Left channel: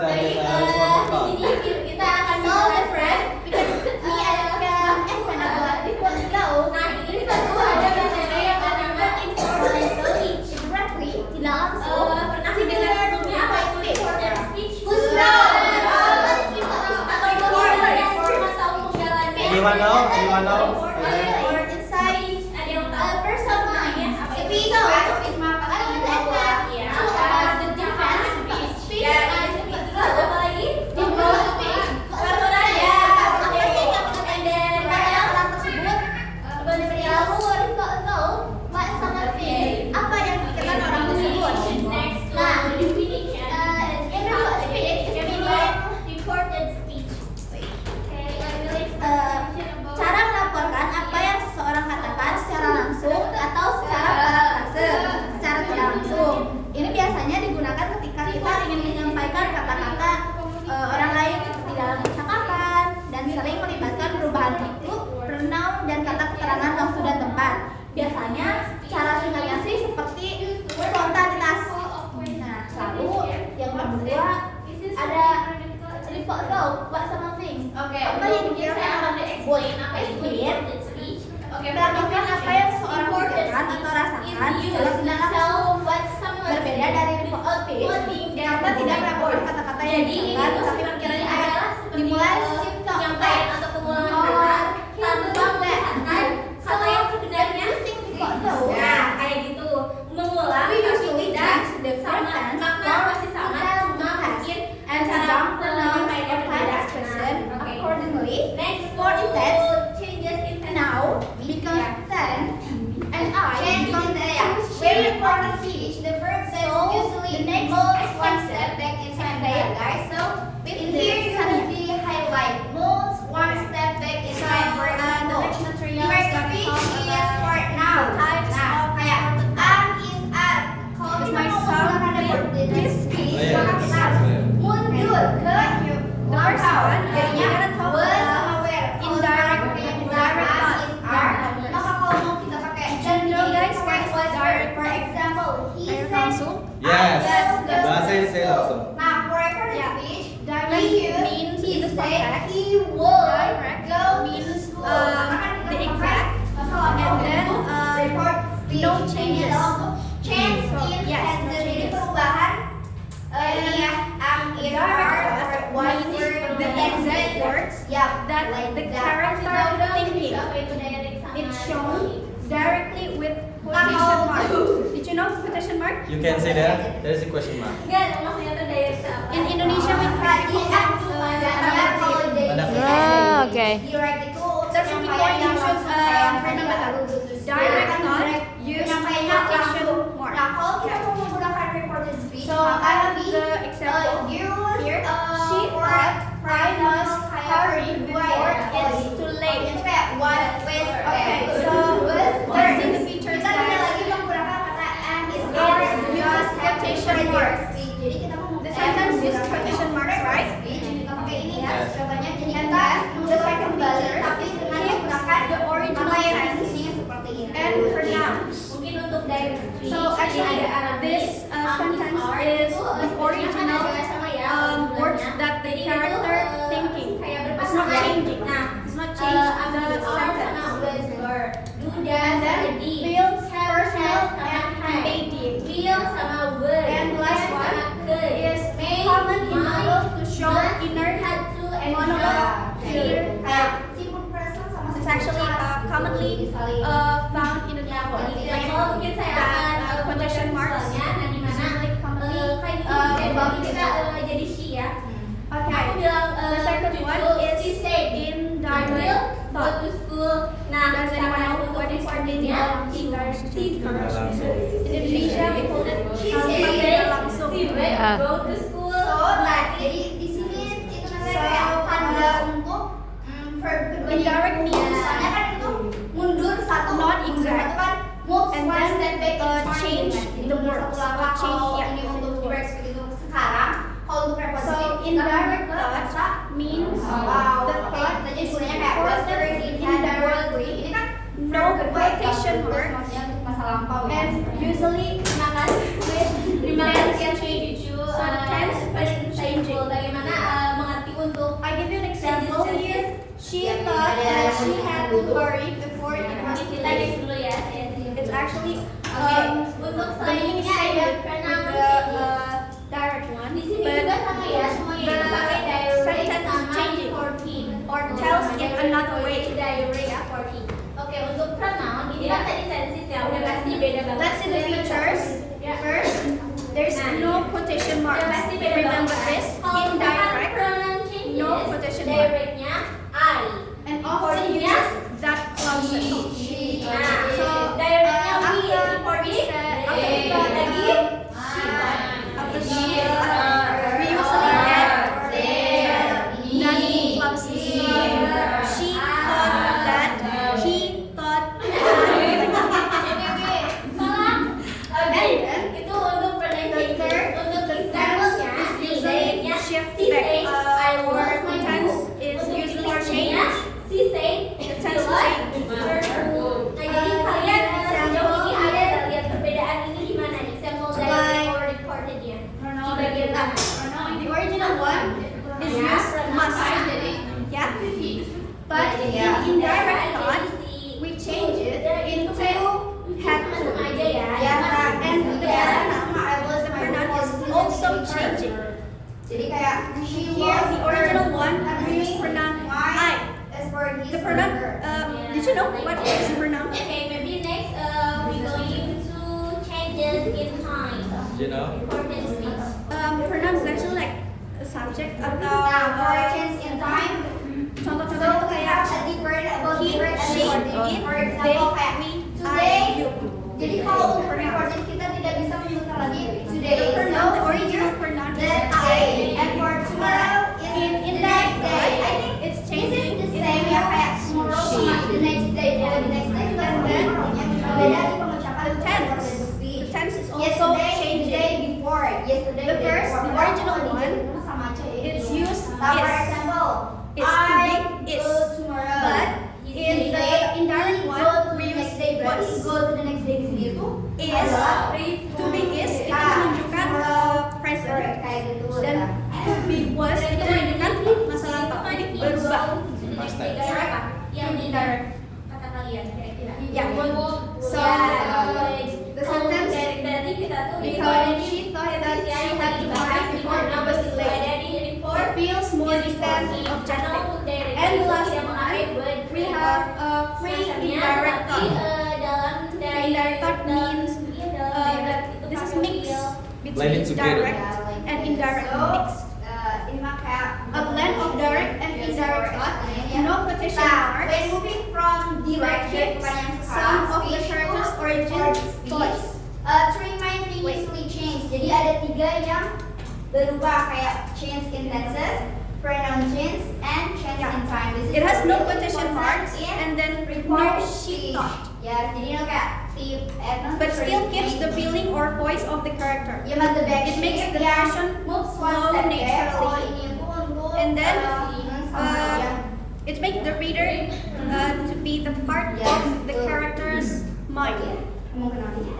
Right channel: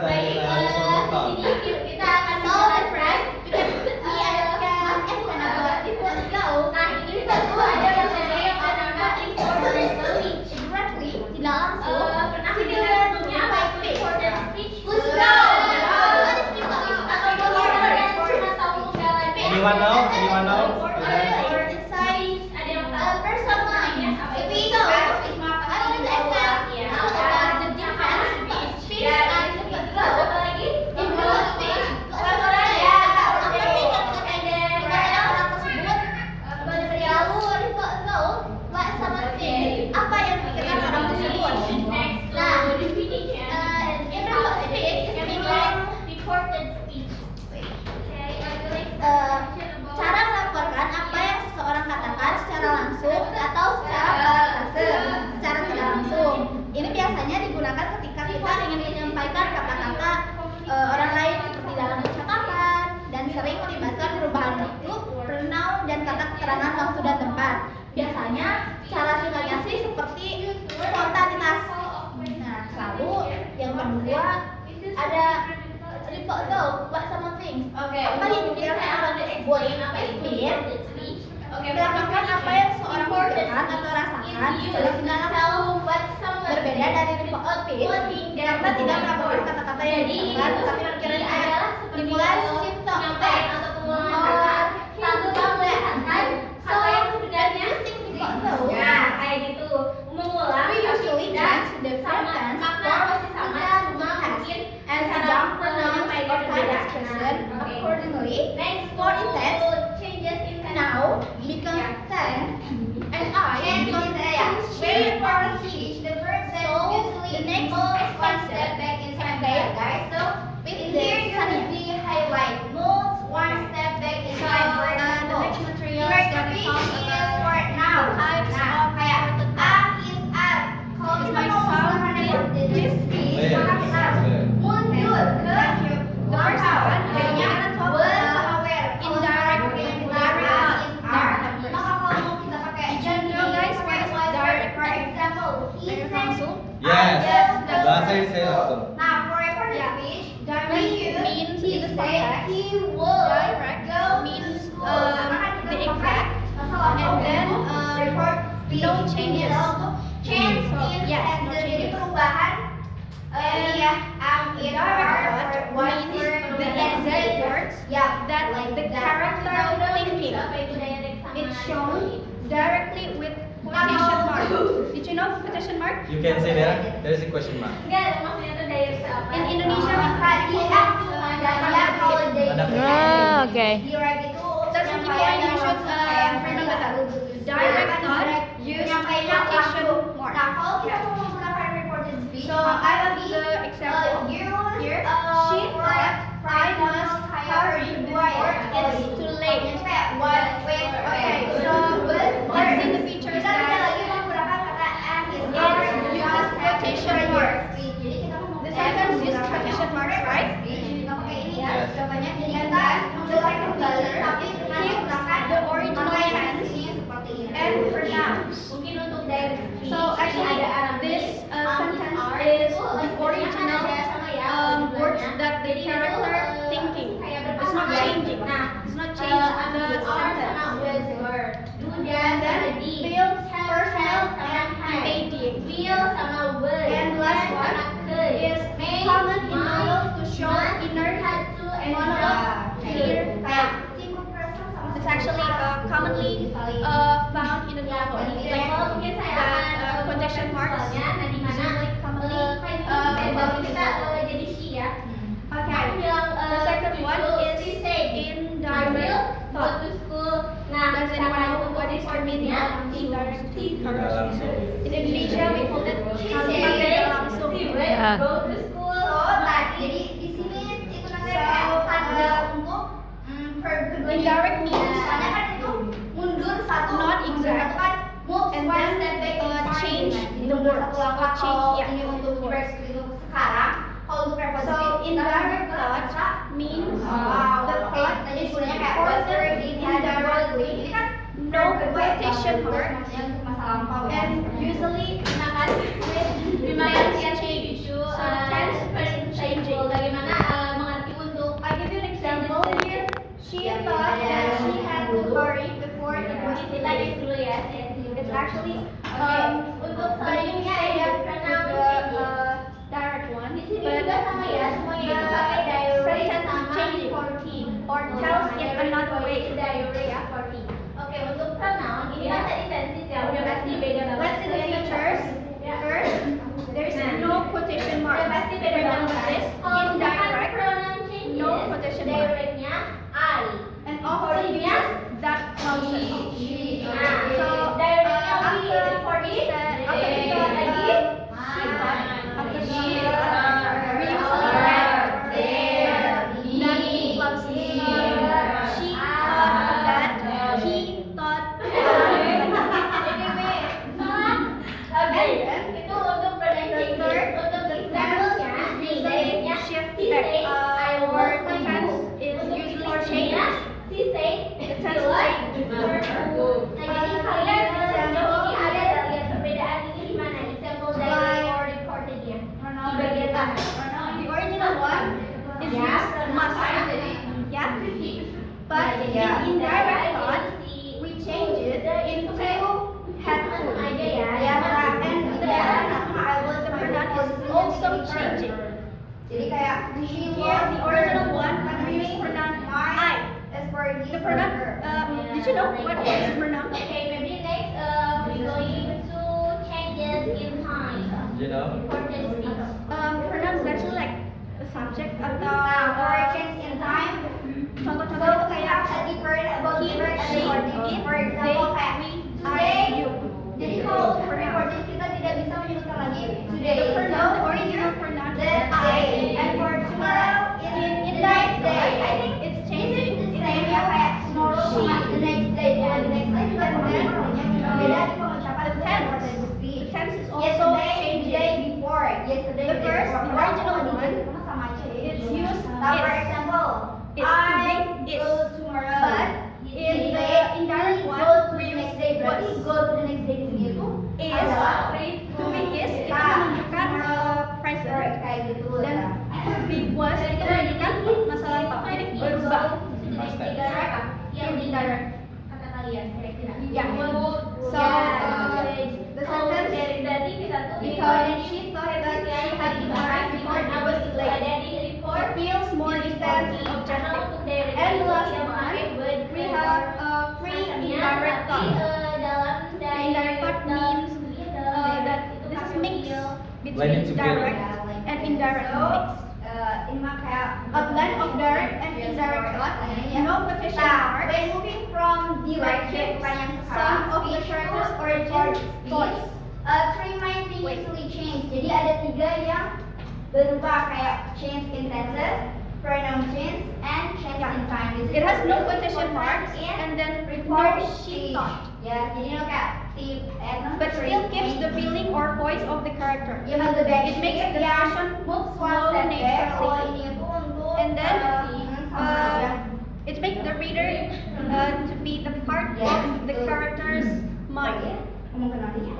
dari respon lokal. Kita akan the friend because me akan buat report go. Nah, ini report ada yang ada informational directly tidak langsung. Similar to by speech. Who's Anyone know? Anyone know? Cara melaporkan apa yang seseorang katakan secara langsung atau secara tidak langsung. Ini biasanya digunakan ketika kita ingin menyampaikan kata-kata orang lain seperti dalam percakapan dan sering melibatkan perubahan bentuk, pronoun dan kata keterangan waktu dan tempat. Biasanya cara singkatnya sih seperti spontanitas. Nah, lalu yang kedua ada report go, what someone thinks. Apa yang dipikirkan orang tersebut? Clear. Melakukan apa yang seorang pikirkan atau rasakan secara tidak langsung. Berbeda dari report speech, karena tidak melakukan kata-kata yang diucapkan, tetapi pikirannya kayak dimulai simptom atau pengulangan Atau yang sebenarnya ya kayak gitu mengulang tapi tidak sama makna pasti sama cuma mungkin cara pronoun kayak berbeda. Accordingly, for instance, now becomes then and I become then. Very important speech. The verb usually moves one step back in time, guys. So in here you have the highlight moves one step back in time. The next materials that we talk about now. It might sound this speech. Mundur ke the first one. We're gonna talk about indirect thought. Did you know guys what is direct? For example, he said. Yes. Bahasa saya langsung. Now, for speech, direct means in the context. He Direct go means the exact, and then no changes. So yes, no changes. Direct thought means the exact words that the character thinking. It's shown directly with quotation mark. Did you know quotation mark? You can say that. There is a question mark. Enggak, maksudnya tuh direct apa? In Indonesia we Okay. That's the key point you should remember that. Direct thought use quotation mark. So I have the example here. She thought I must hurry before it's too late. Okay, so let's see the features that it uses quotation marks. The sentence uses quotation marks, right? Yes. And then the second feature keeps the original tense and pronouns. Mungkin untuk direct speech. So actually, this sentence is the original words that the character thinking. It's not changing. It's not changing the sentence. And then feels, personal, and immediate. And last one is common in monologue to show inner monologue clear. It's actually commonly found in the novel. Like that quotation marks usually commonly found in the novel. Okay, the second one is indirect thought. Does anyone know what is the meaning of indirect Tidak thought? langsung. In Indonesia we call it kalimat tidak langsung. Yeah. Indirect means not exact, and then change the words. So indirect thought means the thought is reported indirectly, no quotation marks, and usually with tense change. So the tense is changing. actually the meaning is same with the direct one, but the sentence is changing or tells in another way. Oke, untuk pronoun ini kan tadi tenses ya, udah pasti beda banget. Let's see the features. First, there's no quotation marks. Remember this, indirect, no quotation mark, Directnya I. and often uses that clauses. So after she we usually add non clauses. She thought that, he thought that, like that. Itu untuk pronouncing. Untuk The tense is usually shift back, or the tense is usually changed. Si say The tense change. Nah, jadi kalian sejauh ini ada nggak lihat perbedaan ini di mana nih? Sampel dari or recorded ya. Di bagian mana? The original one is used must, yeah. But in indirect thought, we change it into had to, yeah. And the pronoun is also changing. Jadi kayak Here, the original one we use pronoun I. The pronoun, did you know what is pronoun? Okay, maybe next we going to changes in time. You know? Important speech. Pronoun is actually like a subject atau corrections in time. contoh-contohnya tuh kayak he, she, it, they, we, I, you. Jadi kalau untuk recording kita tidak bisa menyebutkan lagi today. The pronoun, the original pronoun is I. And for tomorrow In indirect thought, it's changing. the same ya kayak tomorrow, the next day, the next day. And then Beda di pengucapan the tense. The tense is also changing. Yesterday before. Yesterday The first, the before. original one, Sama aja ya. it's used For is. example, It's to be is. go tomorrow. But in the indirect one, we use next day. Berarti was. go to the next day sendiri tuh Is, to be is itu menunjukkan present. kayak gitu. Dan to be was itu menunjukkan masa lampau. Jadi berubah. Past tense. Direct yang di Indirect. kata kalian kira-kira. Yeah. So the sentence, berarti kita tuh because she thought that she had to hurry before it was too late. ada di report. It feels more distant, objective. And the last one, we have free indirect thought. Free indirect thought means that this is mix between Blended together. direct and indirect mix. Ini mah kayak A blend of direct and indirect thought, no quotation Nah, when marks, moving from direct ke keeps bukan yang some of the characters' origin voice. Three main things usually change. Jadi ada 3 yang berubah kayak change in tenses, pronoun change, and change Yeah. in time. This is It has no the quotation report marks in and then no report she speech. thought, Ya, jadi no kayak but still keeps the feeling or voice of the character. You have the back It makes shape the yang narration moves one flow step back. naturally. Kalau ini itu untuk And then, sama aja. It makes the reader to be the part of the character's mind. Mau kenapa ya?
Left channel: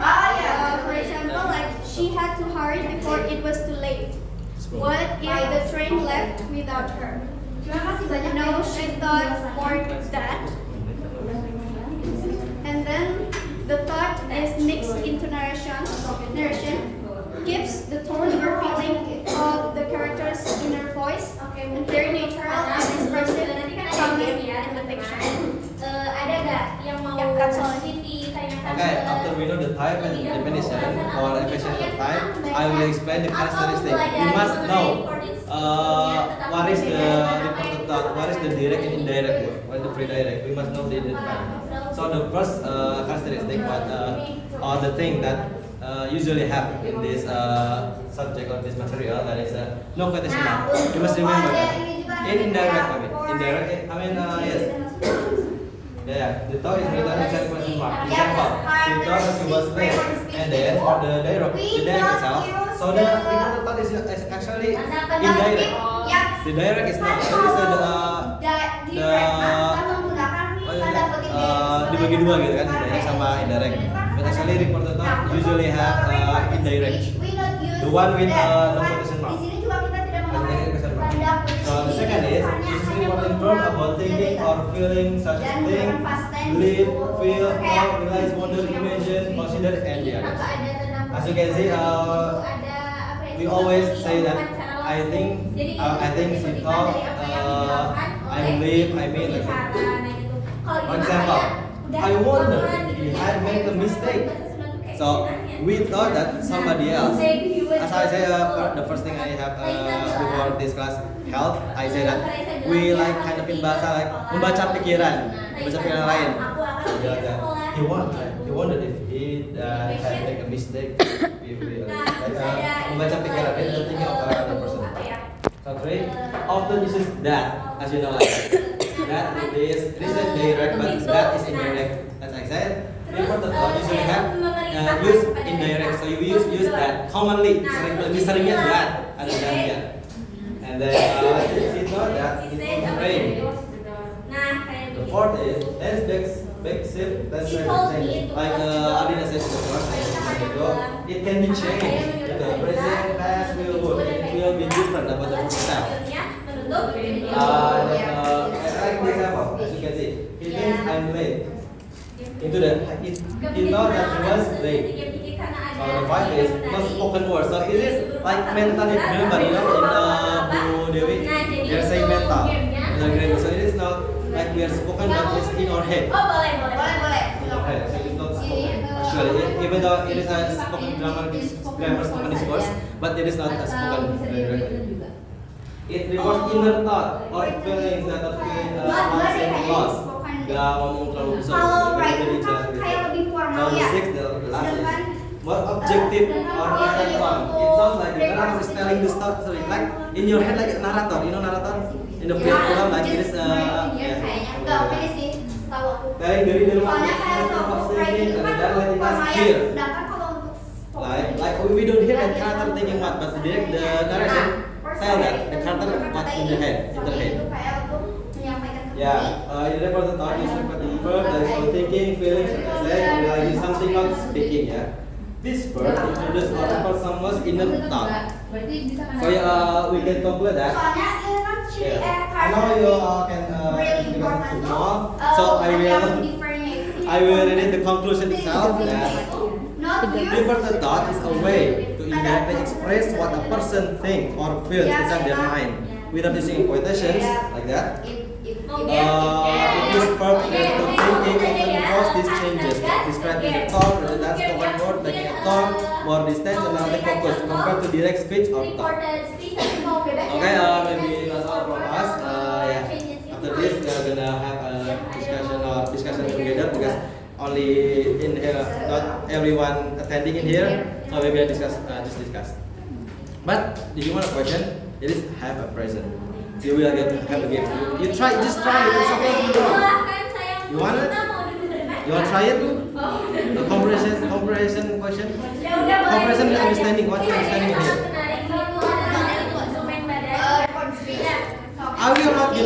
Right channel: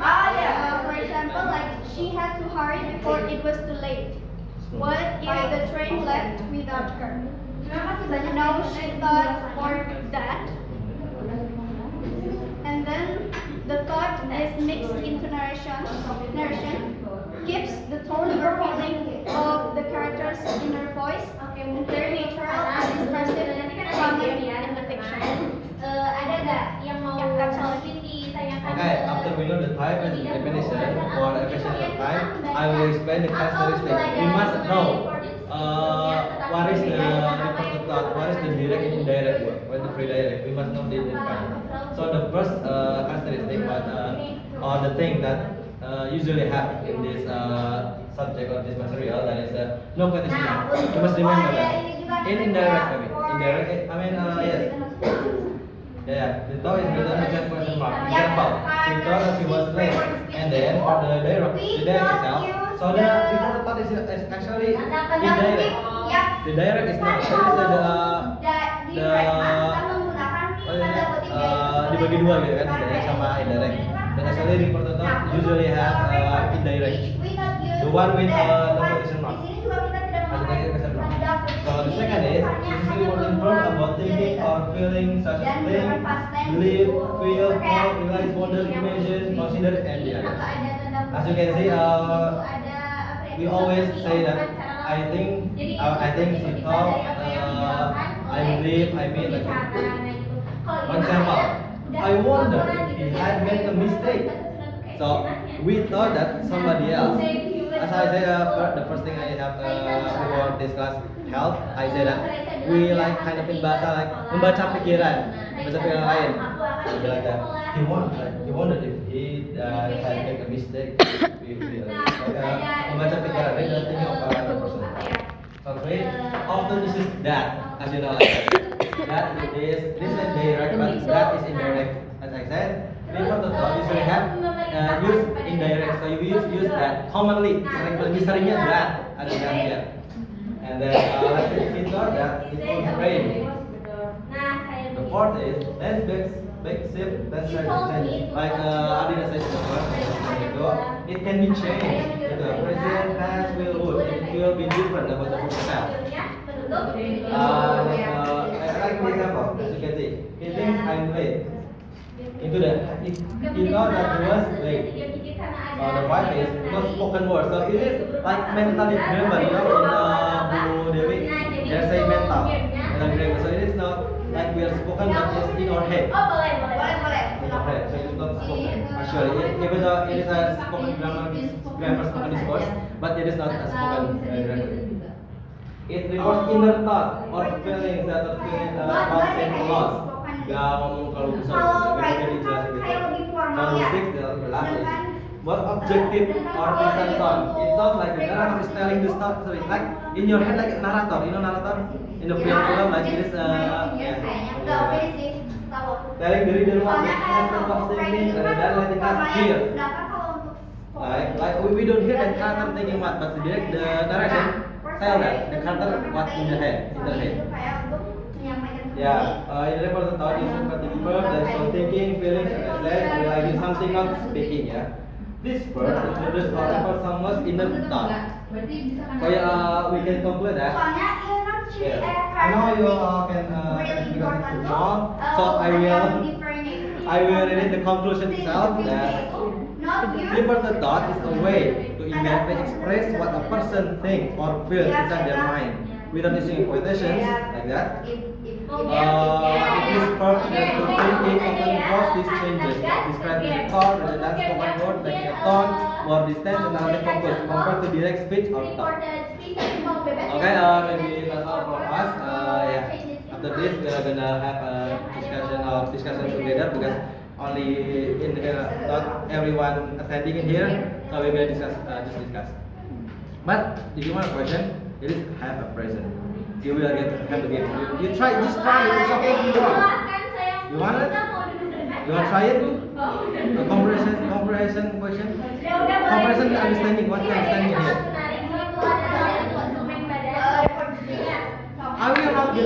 Oh yeah. For example, like she had to hurry before it was too late. What if the train left without her? Terima kasih banyak. No, she thought for that. And then the thought is mixed into narration. Narration gives the tone or feeling of the character's inner voice and very natural and expressive, coming in the fiction. Ada nggak yang mau Yeah, that's all. ditanyakan? Okay, after we know the type and definition for efficient of type, I will explain the characteristic. You must know what is the reported thought, what is the direct and indirect word, what is the free direct. We must know the identify. So the first characteristic, or the thing that usually happen in this subject or this material, that is no quotation mark. You must remember that. In indirect, indirect. I mean, yes. Yeah, the thought is written with question mark. Example, she thought that she was late, and then for the direct itself. So the reported thought is actually indirect. The direct is not. So it's dibagi dua gitu kan, direct sama indirect. But actually reported thought usually have indirect. The one with no quotation mark. So the second is, this is important verb about thinking or feeling such a thing, believe, feel, hope, realize, wonder, imagine, consider, and the others. As you can see, we always say that I think, she thought, I believe, I mean, like that. For example, I wonder if I make a mistake. So we thought that somebody else. As I say, the first thing I have before this class health, I say that we like kind of in bahasa like membaca pikiran lain. He wondered if he had make a mistake. Membaca pikiran, they don't think of another person. So three, often this is that, as you know, that this is direct, but that is indirect. As I said, before the thought you should have use indirect, so you use that commonly. Lebih seringnya that ada that. And then she thought that it was rain. The fourth is let's make shift, let's try to change. Like Adina says the first, it can be changed. The present, past, will, would. It will be different about the itself. Like this example, as you can see, he thinks I'm late. Into the he thought that he was late. So the five is not spoken word. So it is like mentally remember, in Bu Dewi, they're saying mental. So it is not like we are spoken, but it's in our head. Okay, so it's not spoken. Actually, even though it is a spoken grammar spoken discourse, but it is not a spoken directly. It refers inner thought or feelings that are feeling lost. Gak ngomong terlalu besar. So the sixth, the last is what objective or present thought. It sounds like the narrator is telling the story, like in your head, like a narrator. You know narrator in the film, like it is telling dari one of thinking and then letting us hear. Like we don't hear the character thinking what, but the narration tell that the character what in the head, in their head. Yeah, in the report the thought is seperti verb that is thinking, feeling, realizing something, not speaking. Yeah, this verb introduces or refers someone's inner thought. So we can conclude that. Yeah, I know you can because it's small. So I will read the conclusion itself that reported thought is a way to indirectly express what a person thinks or feels inside their mind without using quotations like that. It is verb that the thinking often involves these changes, describing the thought rather than spoken word, like a tone, more distance, and another focus compared to direct speech or thought. Okay, maybe that's all from us. Yeah. After this, we're gonna have a discussion together because only in here, not everyone attending in here, so we will discuss. But if you want a question, it is have a present. You will have a game. You try, just try it. It's okay if you don't. You want it? You want to try it? The comprehension question. Comprehension and understanding. What's understanding here? I will not,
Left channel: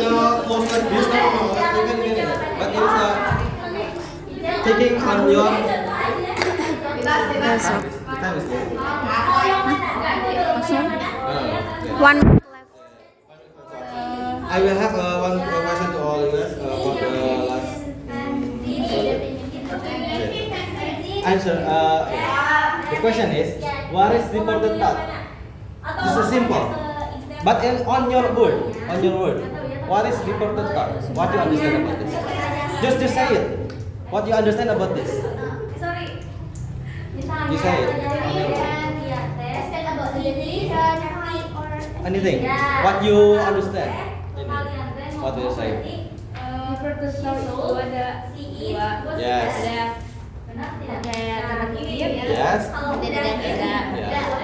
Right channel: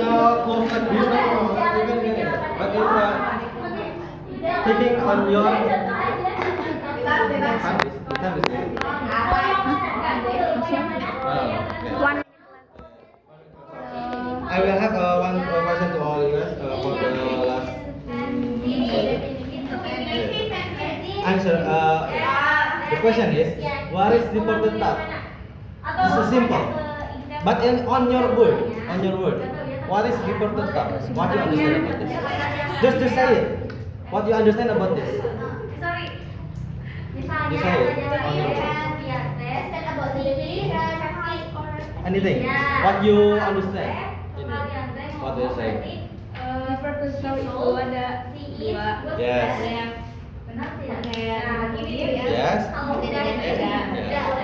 close like this. But it's taking on your time is there. One. I will have one question to all you guys for the last answer. The question is, what is reported thought? This is simple, but on your word, what is reported thought? What do you understand about this? Just say it. What do you understand about this? You say it. Anything. What you understand? What do you say? Yes. Yes.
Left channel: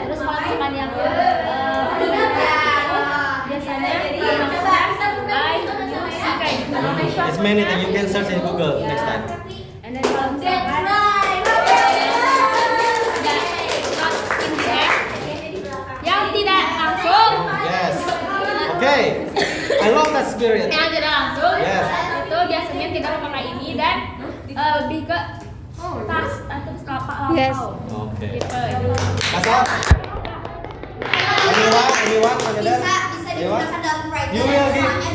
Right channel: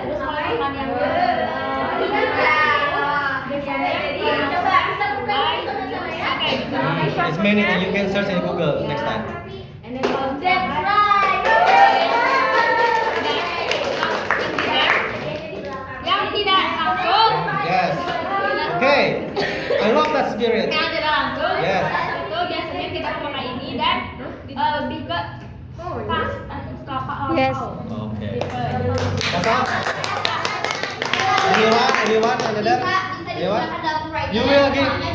Terus kalau cuman yang It's many things you can search in Google next time. yang tidak langsung. Yes. Okay. I love that spirit. Yang tidak langsung. Yes. Itu biasanya kita pakai ini dan lebih ke pas terus kelapa. Yes. Okay. Gitu. That's all. Anyone? Anyone? You will give.